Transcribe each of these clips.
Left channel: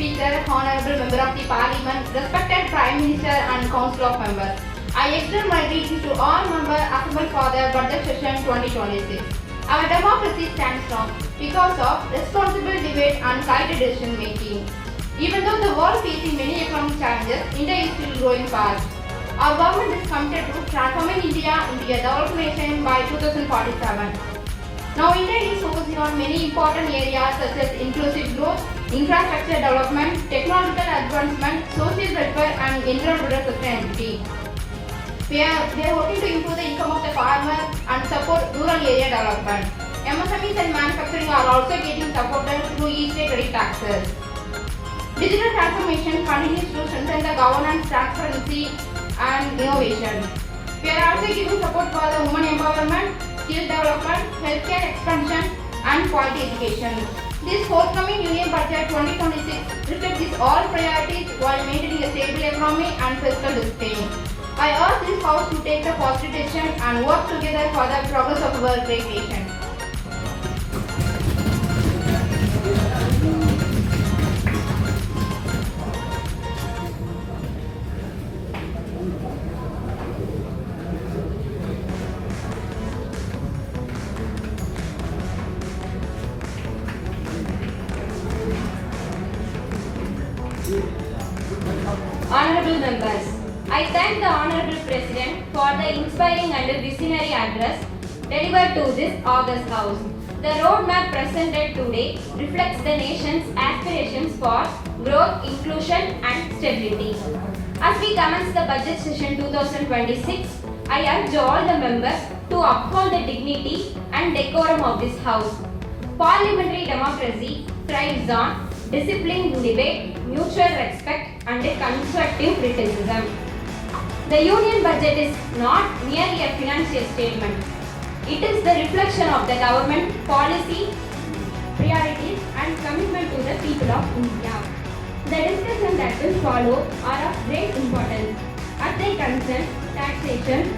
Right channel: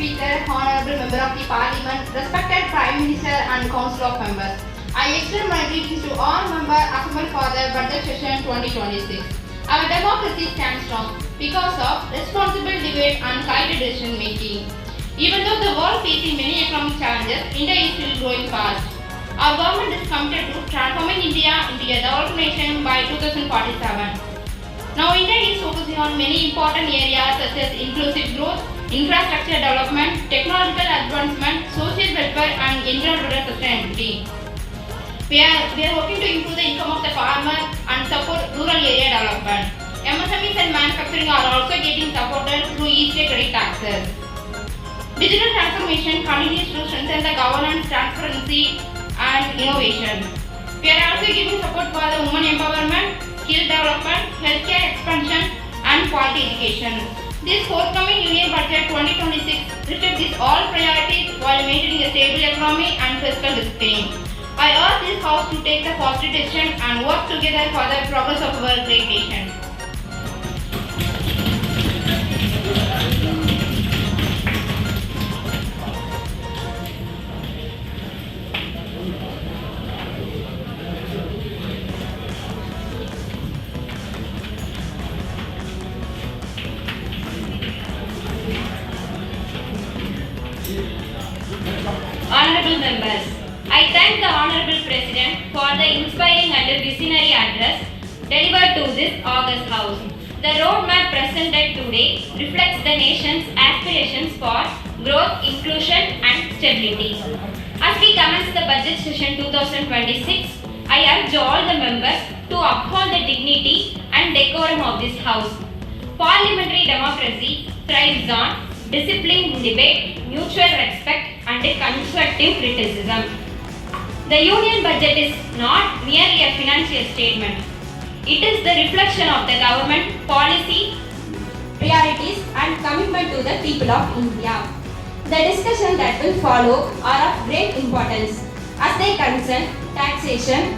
Speaker, Honorable Member of the Parliament, respected Prime Minister and Council of Members. I extend my greetings to all members assembled for the budget session 2026. Our democracy stands strong because of responsible debate and guided decision making. Even though the world facing many economic challenges, India is still growing fast. Our government is committed to transforming India into a developed nation by 2047. Now India is focusing on many important areas such as inclusive growth, infrastructure development, technological advancement, social welfare and environmental sustainability. We are working to improve the income of the farmer and support rural area development. MSMEs and manufacturing are also getting supported through easy credit taxes. Digital transformation continues to strengthen the governance, transparency and innovation. We are also giving support for the women empowerment, skill development, healthcare expansion and quality education. This forthcoming Union Budget 2026 reflects these all priorities while maintaining a stable economy and fiscal discipline. I urge this House to take the positive decision and work together for the progress of our great nation. Honorable members, I thank the Honorable President for the inspiring and visionary address delivered to this August House. The roadmap presented today reflects the nation's aspirations for growth, inclusion and stability. As we commence the budget session 2026, I urge all the members to uphold the dignity and decorum of this House. Parliamentary democracy thrives on disciplined debate, mutual respect and constructive criticism. The Union Budget is not merely a financial statement. It is the reflection of the government policy, priorities and commitment to the people of India. The discussion that will follow are of great importance as they concern taxation,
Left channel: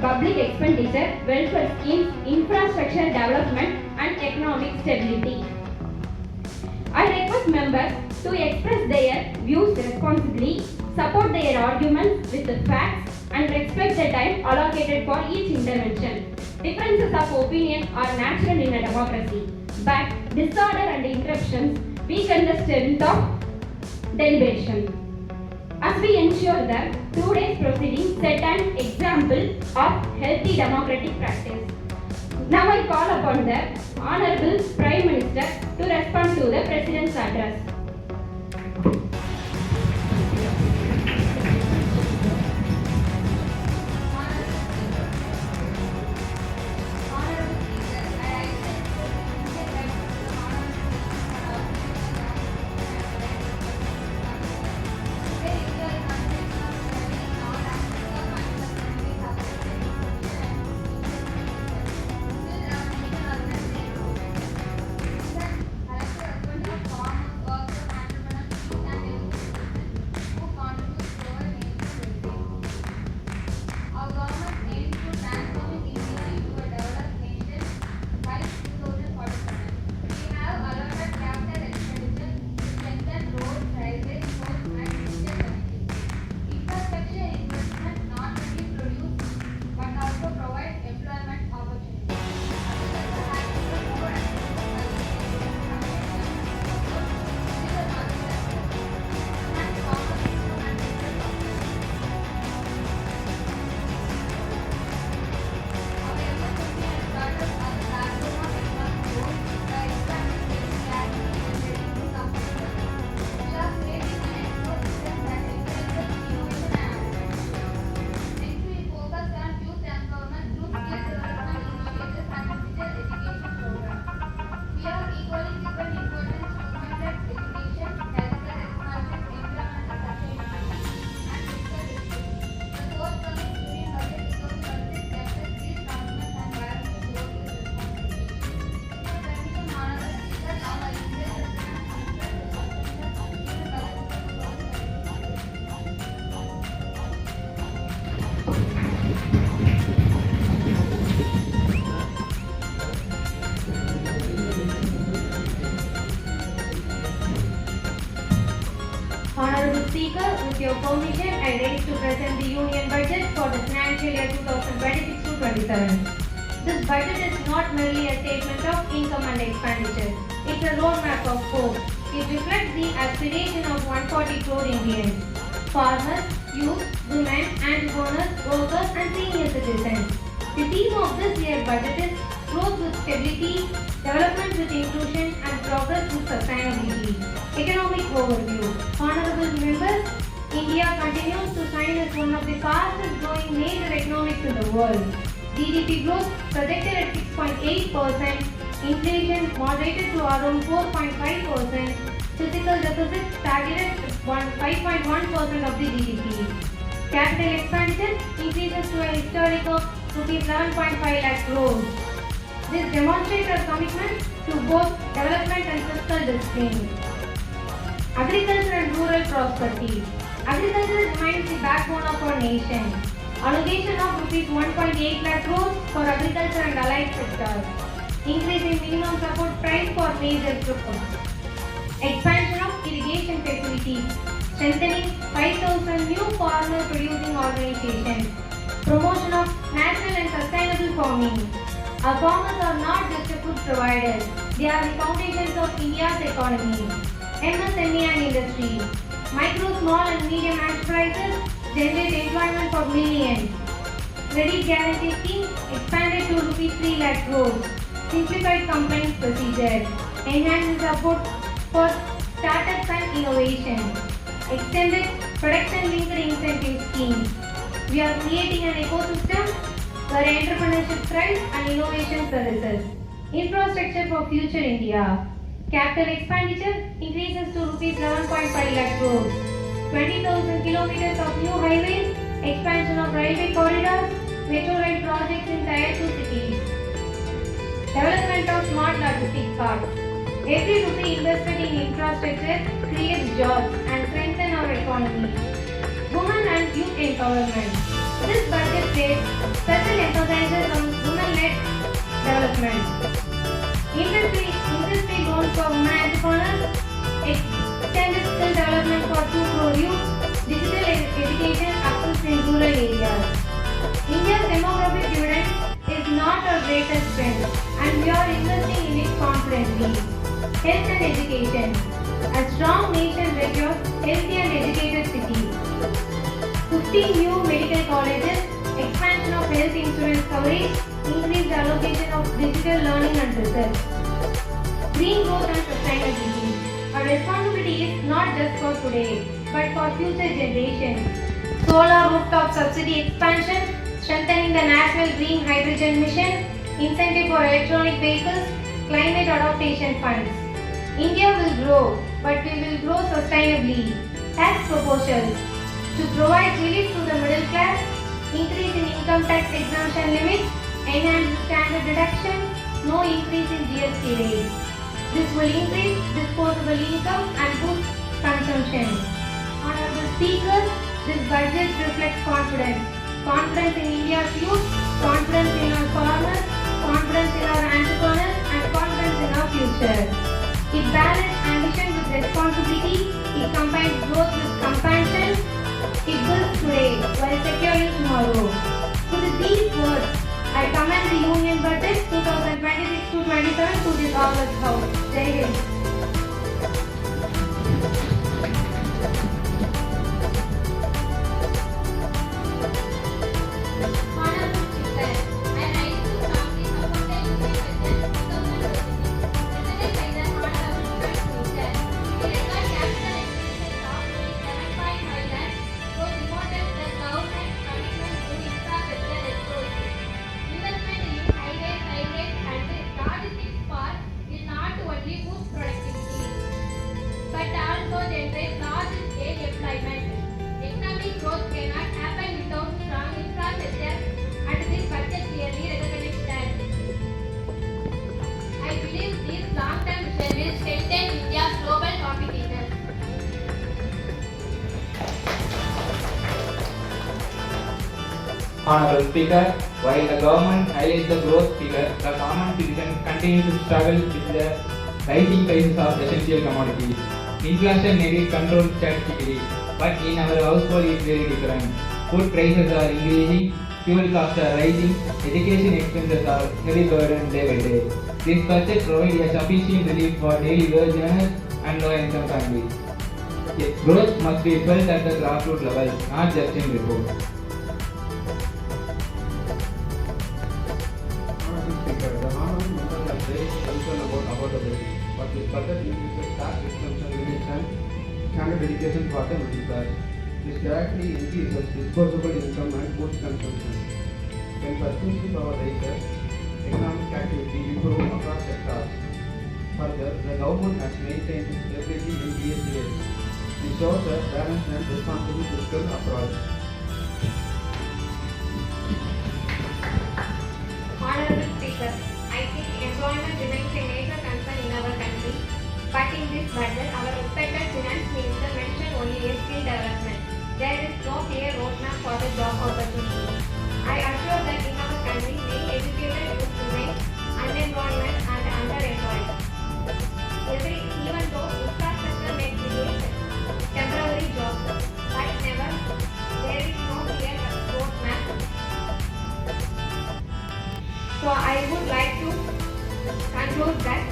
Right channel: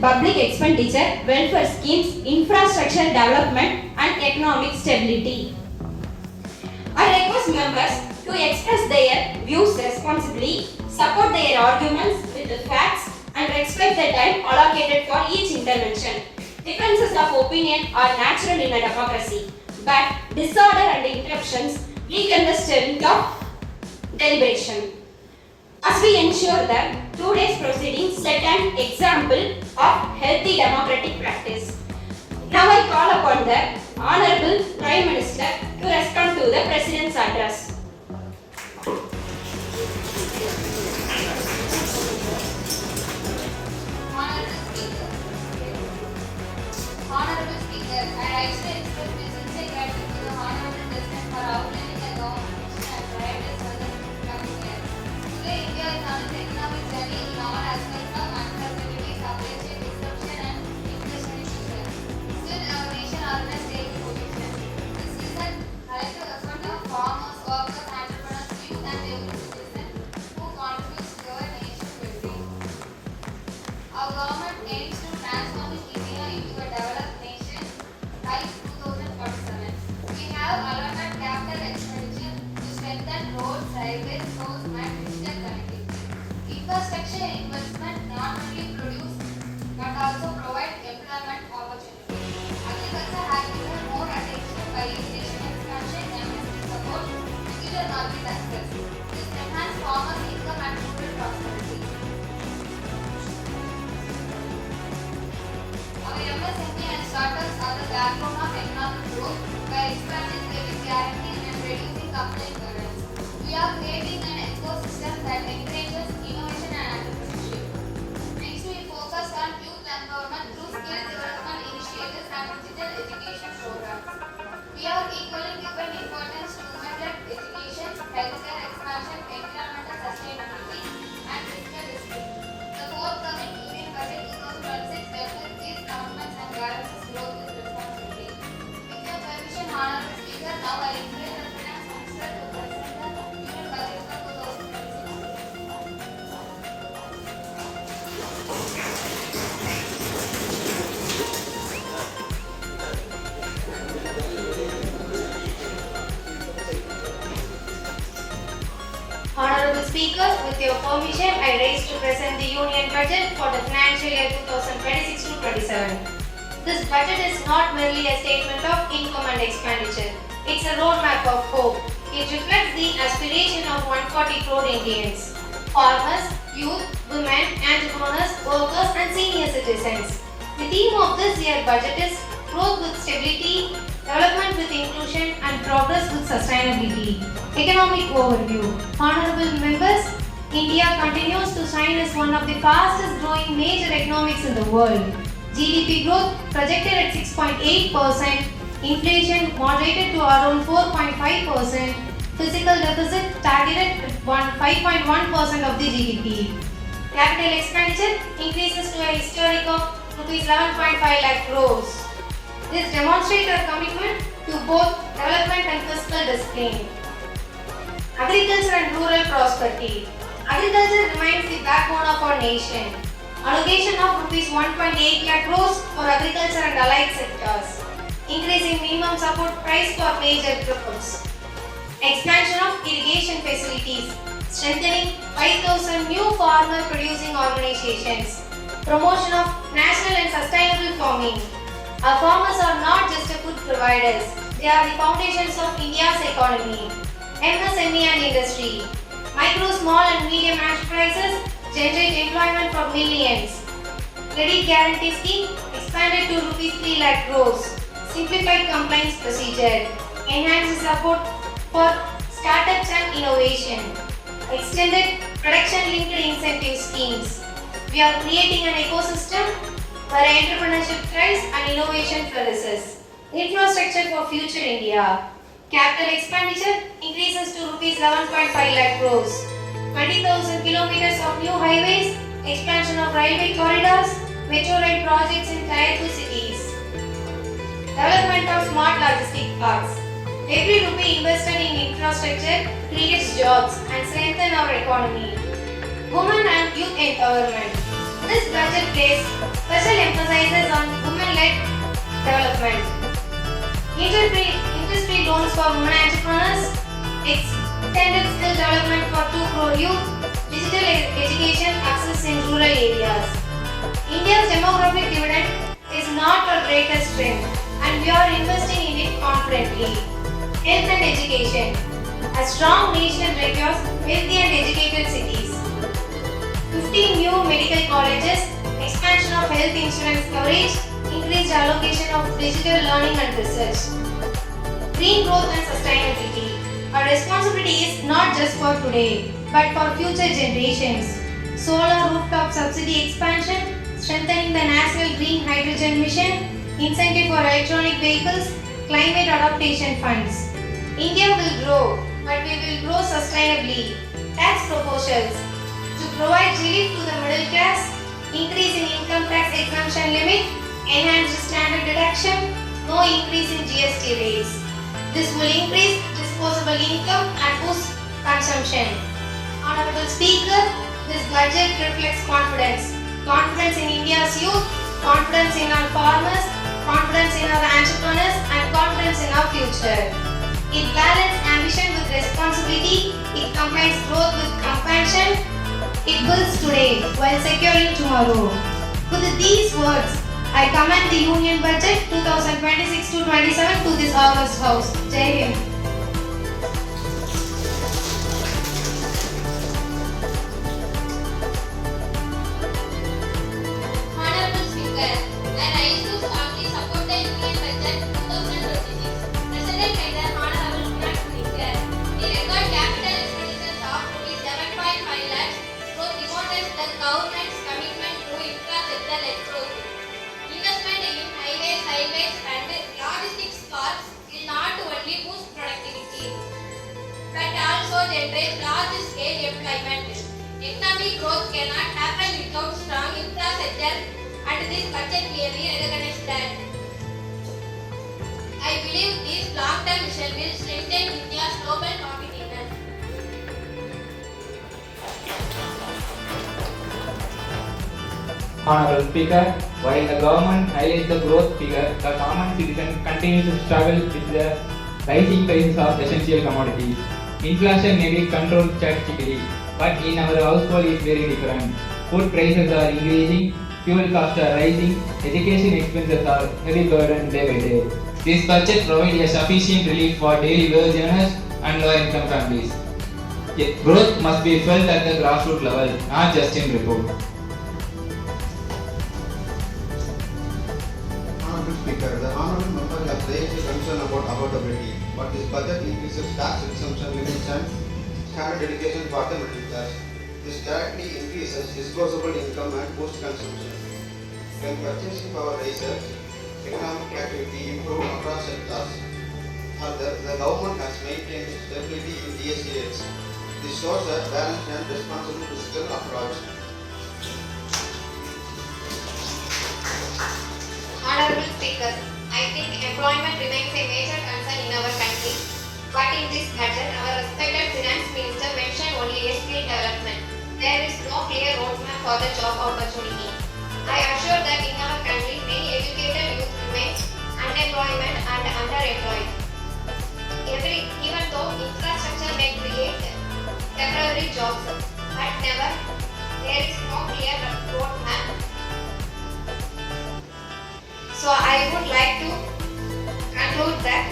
public expenditure, welfare schemes, infrastructure development and economic stability. I request members to express their views responsibly, support their arguments with the facts and respect the time allocated for each intervention. Differences of opinion are natural in a democracy, but disorder and interruptions weaken the strength of deliberation. As we ensure that today's proceedings set an example of healthy democratic practice. Now I call upon the Honorable Prime Minister to respond to the President's address. Honorable Speaker, I extend my sincere gratitude to the Honorable President for outlining the long vision and priorities for the coming year. Today, India is on its economic journey in all aspects of manufacturing, supply chain, distribution and inflation issues. Still, our nation are in a stable position. This season, I like to respond to farmers, workers, Honorable Speaker, with your permission, I raise to present the Union Budget for the financial year 2026-27. This budget is not merely a statement of income and expenditure. It's a roadmap of hope. It reflects the aspiration of 140 crore Indians, farmers, youth, women, entrepreneurs, workers and senior citizens. The theme of this year's budget is growth with stability, development with inclusion and progress with sustainability. Economic overview. Honorable members, India continues to shine as one of the fastest growing major economies in the world. GDP growth projected at 6.8%, inflation moderated to around 4.5%, fiscal deficit targeted at 5.1% of the GDP. Capital expenditure increases to a historic of rupees 11.5 lakh crores. This demonstrates our commitment to both development and fiscal discipline. Agriculture and rural prosperity. Agriculture remains the backbone of our nation. Allocation of rupees 1.8 lakh crores for agriculture and allied sectors. Increasing minimum support price for major crops. Expansion of irrigation facilities. Strengthening 5,000 new farmer producing organizations. Promotion of national and sustainable farming. Our farmers are not just a food providers, they are the foundations of India's economy. MSME and industry. Micro, small and medium enterprises generate employment for millions. Credit guarantee scheme expanded to rupees 3 lakh crores. Simplified compliance procedure. Enhanced support for startups and innovation. Extended production-linked incentive schemes. We are creating an ecosystem where entrepreneurship thrives and innovation flourishes. Infrastructure for future India. Capital expenditure increases to rupees 11.5 lakh crores. 20,000 kilometers of new highways, expansion of railway corridors, metro rail projects in Tier 2 cities. Development of smart logistic parks. Every rupee invested in infrastructure creates jobs and strengthens our economy. Women and youth empowerment. This budget places special emphasis on women-led development. Industry loans for women entrepreneurs, extended skill development for 2 crore youth, digital education access in rural areas. India's demographic dividend is not our greatest strength and we are investing in it confidently. Health and education. A strong nation requires healthy and educated cities. 15 new medical colleges, expansion of health insurance coverage, increased allocation of digital learning and research. Green growth and sustainability. Our responsibility is not just for today, but for future generations. Solar rooftop subsidy expansion, strengthening the National Green Hydrogen Mission, incentive for electronic vehicles, climate adaptation funds. India will grow, but we will grow sustainably. Tax proposals. To provide relief to the middle class, increase in income tax exemption limit, enhanced standard deduction, no increase in GST rates. This will increase disposable income and boost consumption. Honorable Speaker, this budget reflects confidence. Confidence in India's youth, confidence in our farmers, confidence in our entrepreneurs and confidence in our future. It balances ambition with responsibility, it combines growth with compassion, it builds today while securing tomorrow. With these words, I commend the Union Budget 2026-27 to this August House. Jai Hind. Honorable Speaker, I rise to strongly support the Union Budget 2026 presented by the Honorable Finance Minister. The record capital expenditures of ₹7.5 lakhs was demonstrates the government's commitment to infrastructure-led growth. Investment in highways, railways and logistics parks will not only boost productivity but also generate large-scale employment. Economic growth cannot happen without strong infrastructure and this budget clearly recognizes that. I believe this long-term vision will strengthen India's global competitiveness. Honorable Speaker, while the government highlights the growth figure, the common citizen continues to struggle with the rising prices of essential commodities. Inflation may be controlled statistically, but in our household it is very different. Food prices are increasing, fuel costs are rising, education expenses are heavy burden day by day. This budget provides a sufficient relief for daily wage earners and lower income families. Yet growth must be felt at the grassroots level, not just in report. Honorable Speaker, the honorable members have raised concern about affordability, but this budget increases tax exemption limits and standard education for the middle class. This directly increases disposable income and boosts consumption. When purchasing power rises, economic activity improves across sectors. Further, the government has maintained stability in DSC rates. This shows a balanced and responsible fiscal approach. Honorable Speaker, I think employment remains a major concern in our country. But in this budget, our respected Finance Minister mentioned only a skill development. There is no clear roadmap for the job opportunity. I assure that in our country, many educated youth remain unemployment and underemployed. Even though infrastructure may create temporary jobs, but never there is no clear roadmap. So I would like to conclude that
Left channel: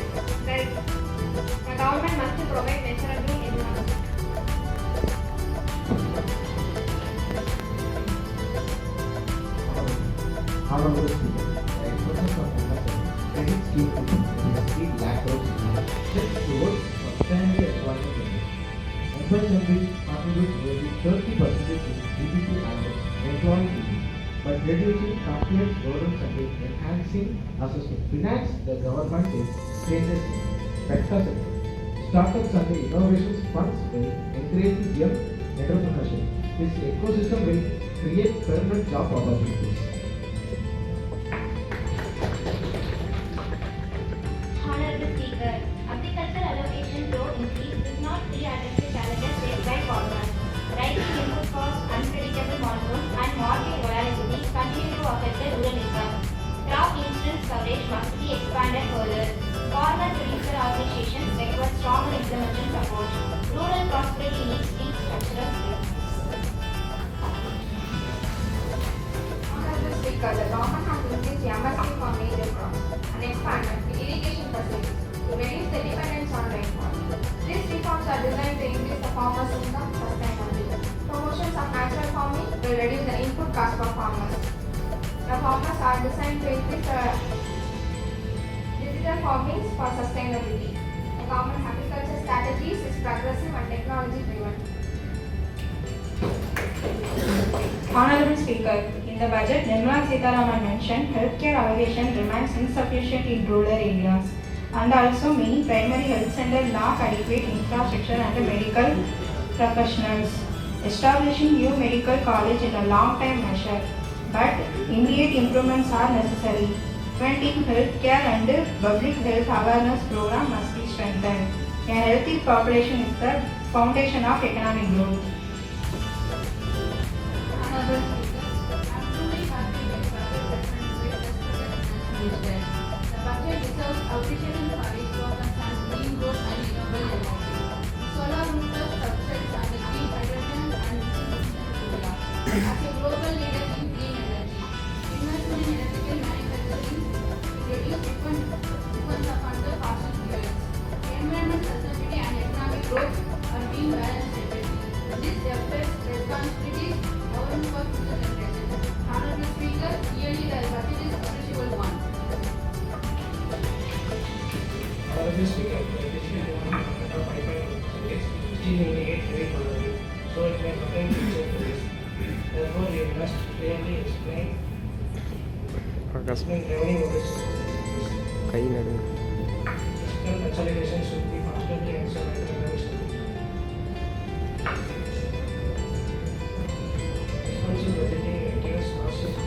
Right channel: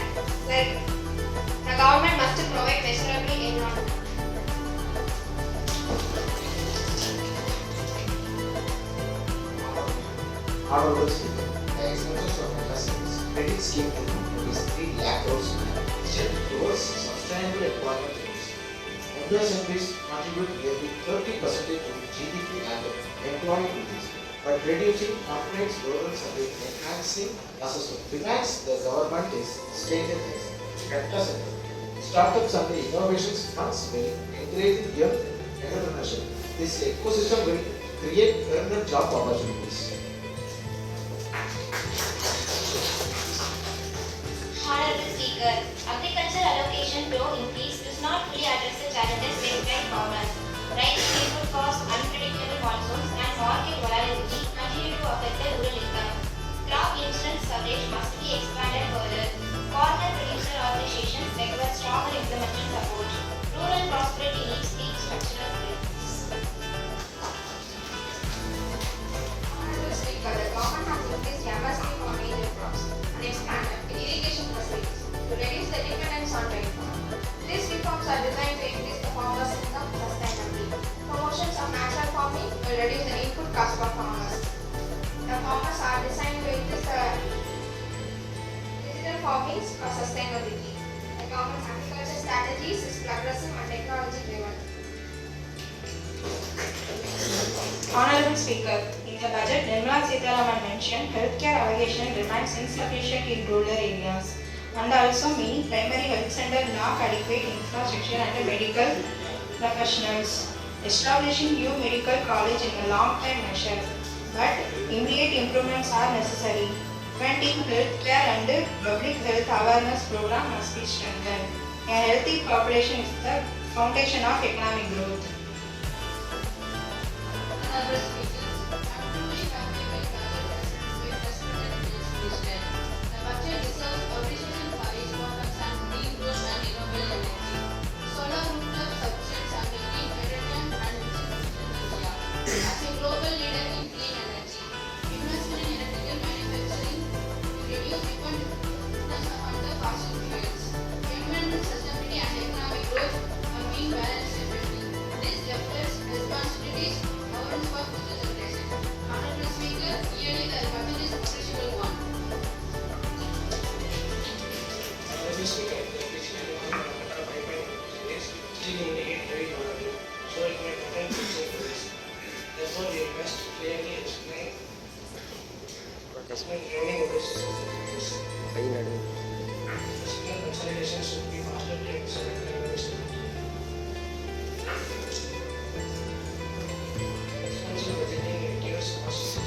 the government must provide measurable environment. Honorable Speaker, the expenses of MSMEs credit scheme to is 3 lakh crores step towards sustainable employment in this. MSMEs contribute nearly 30% to GDP and employment increase. By reducing complex burdens and enhancing access to finance, the government is stated as sector. Startups and innovations funds will encourage young entrepreneurship. This ecosystem will create permanent job opportunities. Honorable Speaker, agricultural allocation though increase does not fully address the challenges faced by farmers. Rising input costs, unpredictable monsoons, and market volatility continue to affect the rural income. Crop insurance coverage must be expanded further. Farmer producer organizations require stronger implementation support. Rural prosperity needs deep structural reforms. Honorable Speaker, the government has increased MSP for major crops and expanded irrigation facilities to reduce the dependence on rainfall. These reforms are designed to increase the farmers' income sustainably. Promotions of natural farming will reduce the input cost for farmers. The farmers are designed to increase the digital farming for sustainability. The government's agriculture strategies is progressive and technology driven. Honorable Speaker, in the budget, Nirmala Sitharaman mentioned healthcare allocation remains insufficient in rural areas, and also many primary health centers lack adequate infrastructure and medical professionals. Establishing new medical college in a long-term measure, but immediate improvements are necessary. Preventive healthcare and public health awareness program must be strengthened. A healthy population is the foundation of economic growth. Honorable Speaker, I'm truly happy with budget reference with respected Finance Minister. The budget deserves appreciation for its focus on green growth and renewable energy. Solar rooftop subsidies and green hydrogen and India. As a global leader in green energy, investment in electrical manufacturing to reduce dependence upon the fossil fuels. Environment sustainability and economic growth are being balanced separately. This reflects responsibilities government for future generations. Honorable Speaker, yearly the budget is appreciable one. Honorable Speaker, the education and development of pipeline is still indicate very positive, so it may contain future to this. Therefore, we must clearly explain revenue models. Fiscal consolidation should be constantly ensure economic stability. Responsible budgeting reduces costs.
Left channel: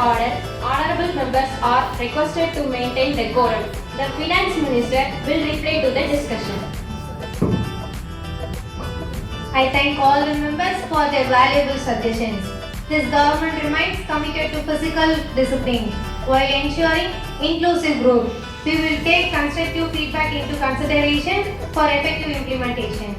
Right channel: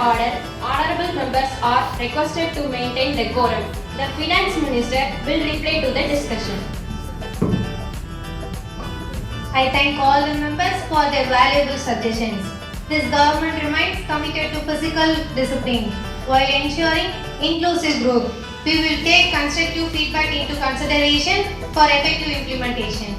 Order. Honorable members are requested to maintain decorum. The Finance Minister will reply to the discussion. I thank all the members for their valuable suggestions. This government remains committed to physical discipline. while ensuring inclusive growth. We will take constructive feedback into consideration for effective implementation.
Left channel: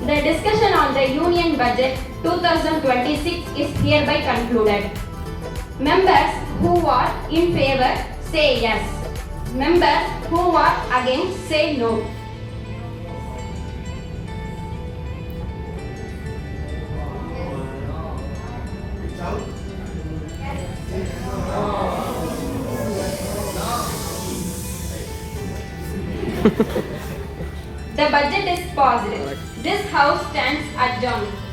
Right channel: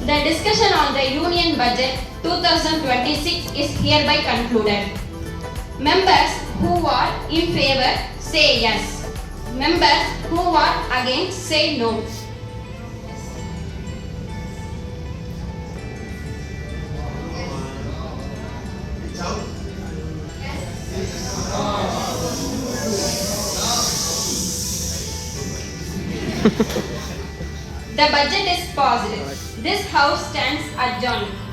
The discussion on the Union Budget 2026 is hereby concluded. Members who are in favor say yes. Members who are against say no. The budget is passed. This house stands adjourned.